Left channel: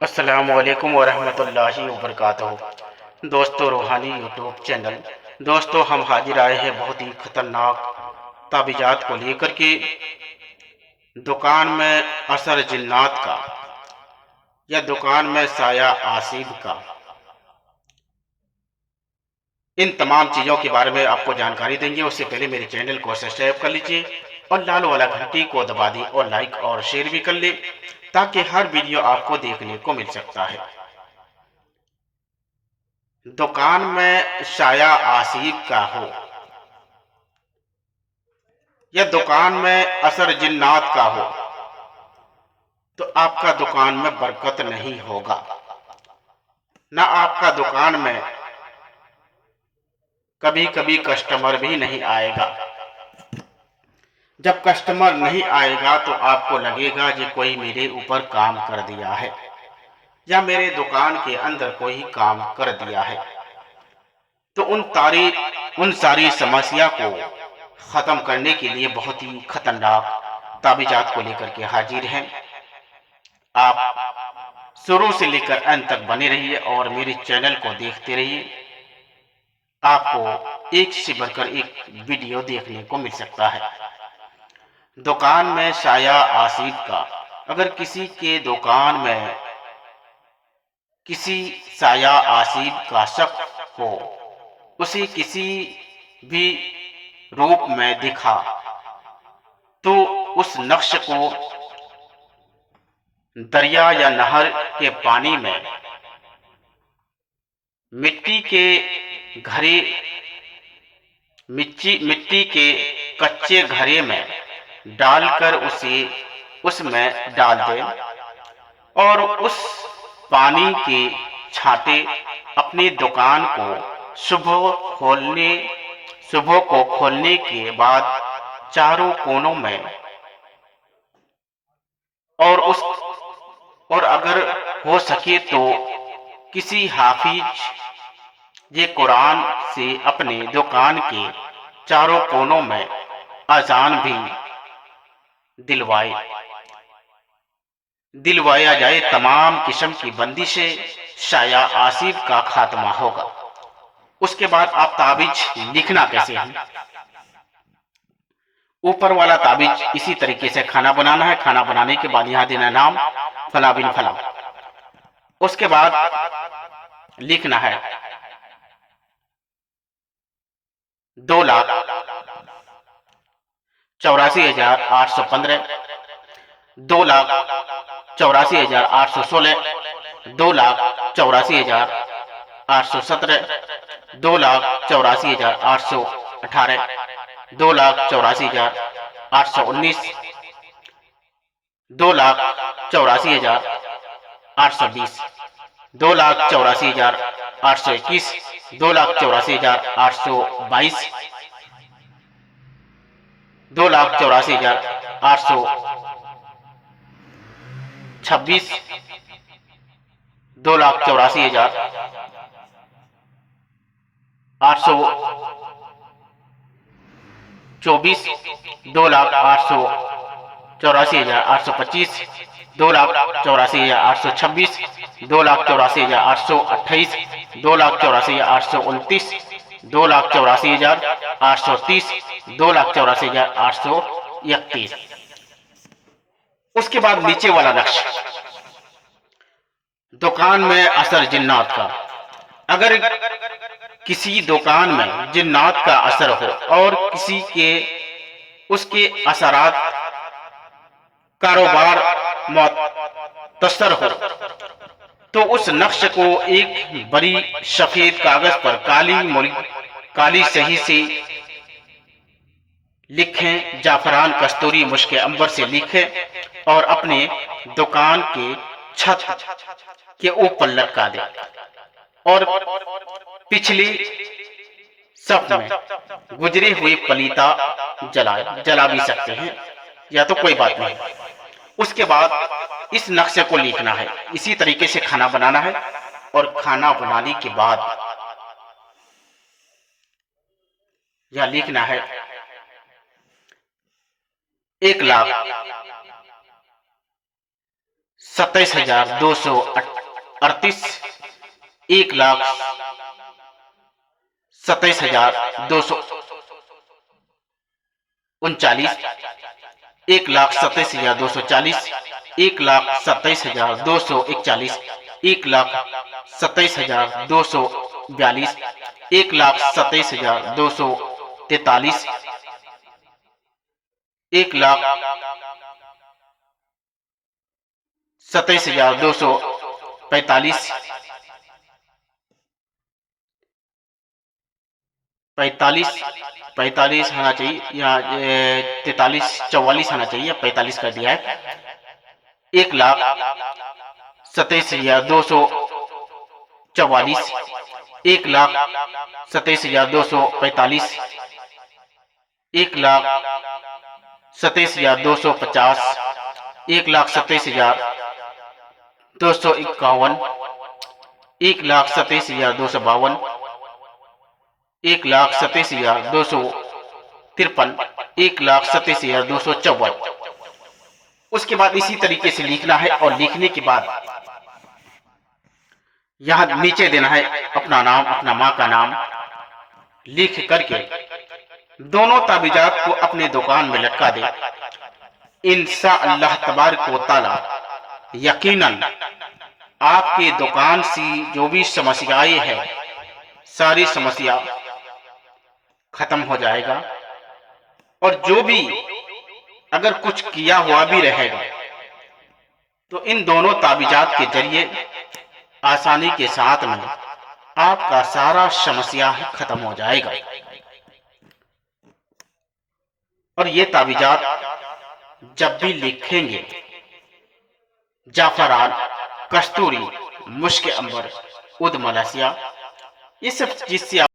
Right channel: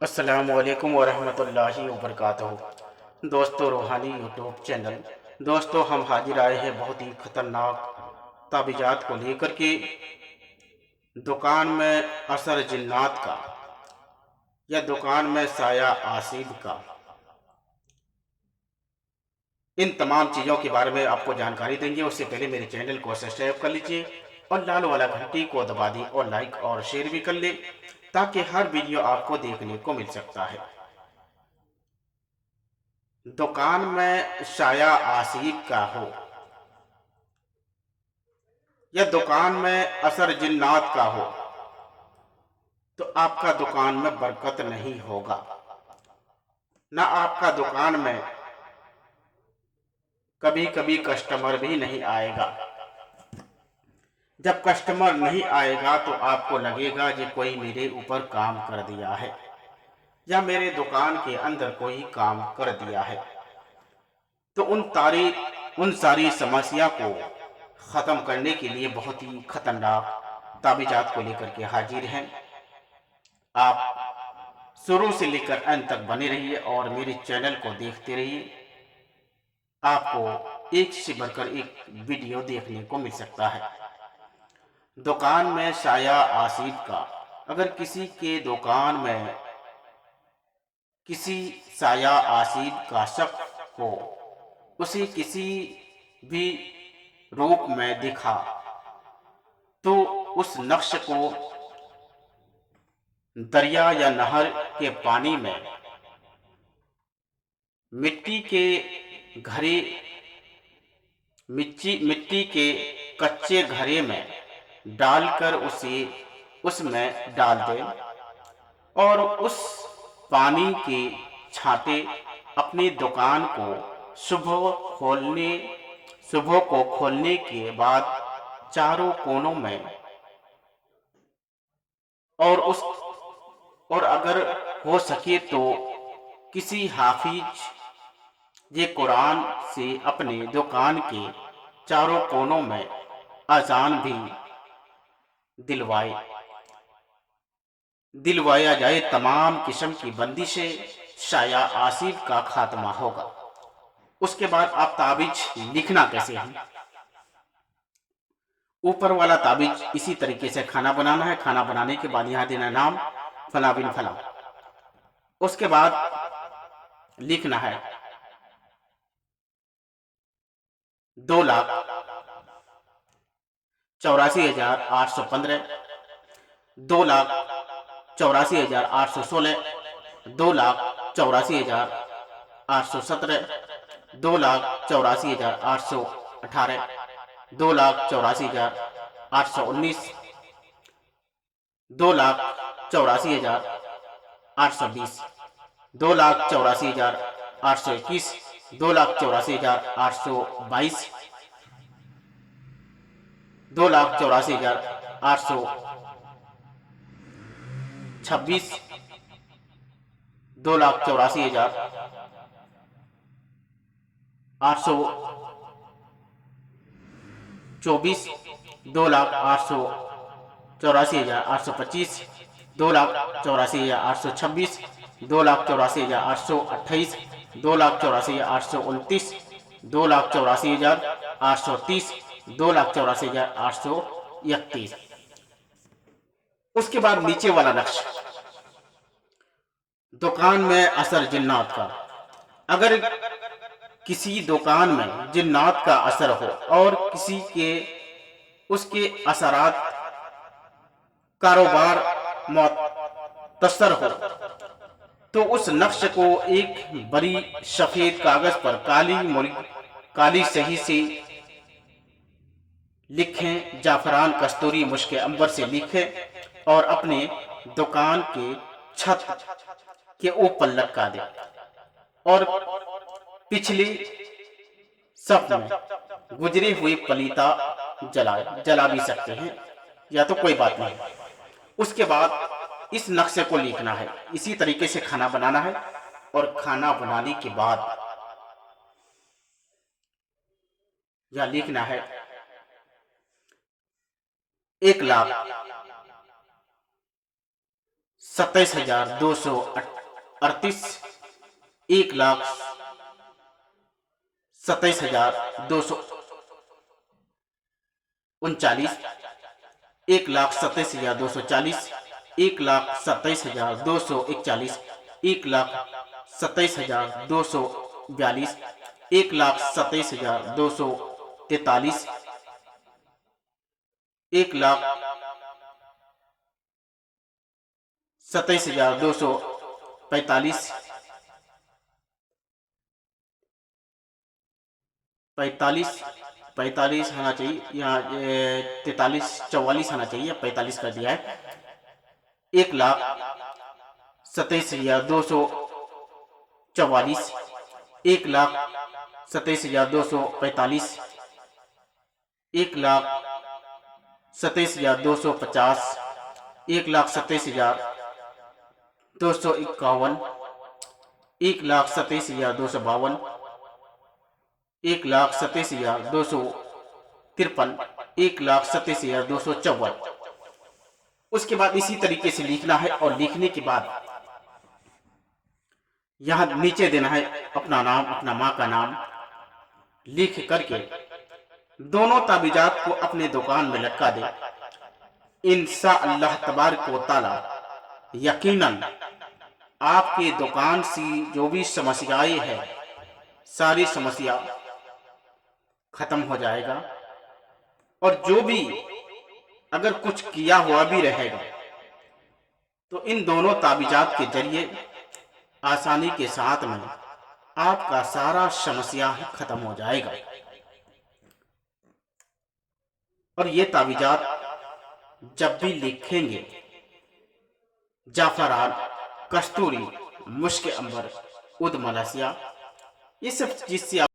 अस्सलामुअलैकुम वरहमतुल्लाहि वबरकातुहू। दोस्तों, रूहानी यूट्यूब चैनल। दोस्तों, हम हाजिर आए हैं बहुत ही ख़तरनाक ताबीज़ात को लेकर के। दुकान में असर जिन्नात का या दुकान में साया आसिब का, इन तमाम चीज़ों के बारे में आपको जानकारी देंगे। उससे पहले मेरे चैनल को सब्सक्राइब कर लीजिए और लाल वाला घंटी को दबा दी और लाइक और शेयर भी कर ले, ताकि हर वीडियो आपको देखने को मिल सकता है। दुकान में साया आसिब का हो या दुकान में असर जिन्नात का हो, तो आपका दुकान में बरकत नहीं होगा। ना आपका दुकान में कभी कभी कस्टमर भी नहीं आएगा। जब कस्टमर नहीं आएगा तो आपको लगेगा कि कोई मेरे ऊपर काम कर दिया है या मेरे दुकान के अंदर कोई काम कर दिया है। तो उन सारी समस्या को ख़त्म करने के लिए बहुत ही खतरनाक ताबीज़ात को लेकर के हाजिर हैं। आप शुरू से लेकर अंत तक बने रहिए और मेरे चैनल को देखते रहिए। आपको एक से बढ़कर एक वीडियो देखने को मिल सकता है। दुकान में साया आसिब का, अगर किसी के दुकान में किसी साया आसिब का शक हो, उसे किसी भी रूप में दिखा, तो उस नक्श को दरिया या नहर के पानी में मिट्टी के घड़े मिट्टी के कच्चे घड़े में डालकर उसे उसमें डाल दें और उस पानी के छांटे अपनी दुकान को सुबह को खोलने के बाद चारों कोनों में, और उस और अगर हो सके तो किसी हाफिज ये कुरान से अपने दुकान के चारों कोनों में अजान भी दिलवाया जाए। तमाम किस्म की बंदिशें, साया आसिब का खात्मा होगा। उसके बाद आप ताबीज लिखना कैसे है। ऊपर वाला ताबीज इसी तरीके से खाना बनाना है। खाना बनाने के बाद यहाँ देना नाम फला बिन फला। उसके बाद लिखना है 2,84,815, 2,84,816, 2,84,817, 2,84,818, 2,84,819, 2,84,820, 2,84,821, 2,84,822, 2,84,826, 2,84,824, 2,84,825, 2,84,826, 2,84,828, 2,84,829, 2,84,830, 2,84,831। उसके बाद नीचे वाला नक्श, दुकान में असर जिन्नात का। अगर किसी दुकान में जिन्नात का असर हो और किसी के उसके असरात कारोबार मुतासर हो, तो उस नक्श को एक बड़ी सफेद कागज पर काली स्याही से लिखें। जाफरान, कस्तूरी, मुश्क अंबर से लिखें और अपने दुकान के छत के ऊपर लटका दें और पिछली सफ में गुजरी हुई पलीता जला भी सकते हैं, या तो कोई बात नहीं। उसके बाद इस नक्शे को लिखना है। इसी तरीके से खाना बनाना है और खाना बनाने के बाद यह लिखना है 1,00,000 27,238, 1,27,239, 1,27,240, 1,27,241, 1,27,242, 1,27,243, 1,27,245, 45 होना चाहिए, यहाँ 43, 44 होना चाहिए, 45 कर दिया है। 1,27,244, 1,27,245, 1,27,250, 1,27,251, 1,27,252, 1,27,253, 1,27,254। उसके बाद इसी तरीके से लिखना है और लिखने के बाद यहाँ नीचे देना है अपना नाम, अपना माँ का नाम लिख करके दोनों ताबीजात को अपने दुकान में लटका दे। इंशाअल्लाह तबारक व तआला यकीनन आपके दुकान से जो भी समस्याएं हैं सारी समस्या खत्म हो जाएगा, और जो भी अगर कुछ किया हुआ भी रहेगा तो इन दोनों ताबीजात के जरिए आसानी के साथ में आपका सारा समस्या खत्म हो जाएगा। और ये ताबीजात जब भी लिखेंगे जाफरान, कस्तूरी, मुश्क अंबर, उद मलसिया, ये सब चीज से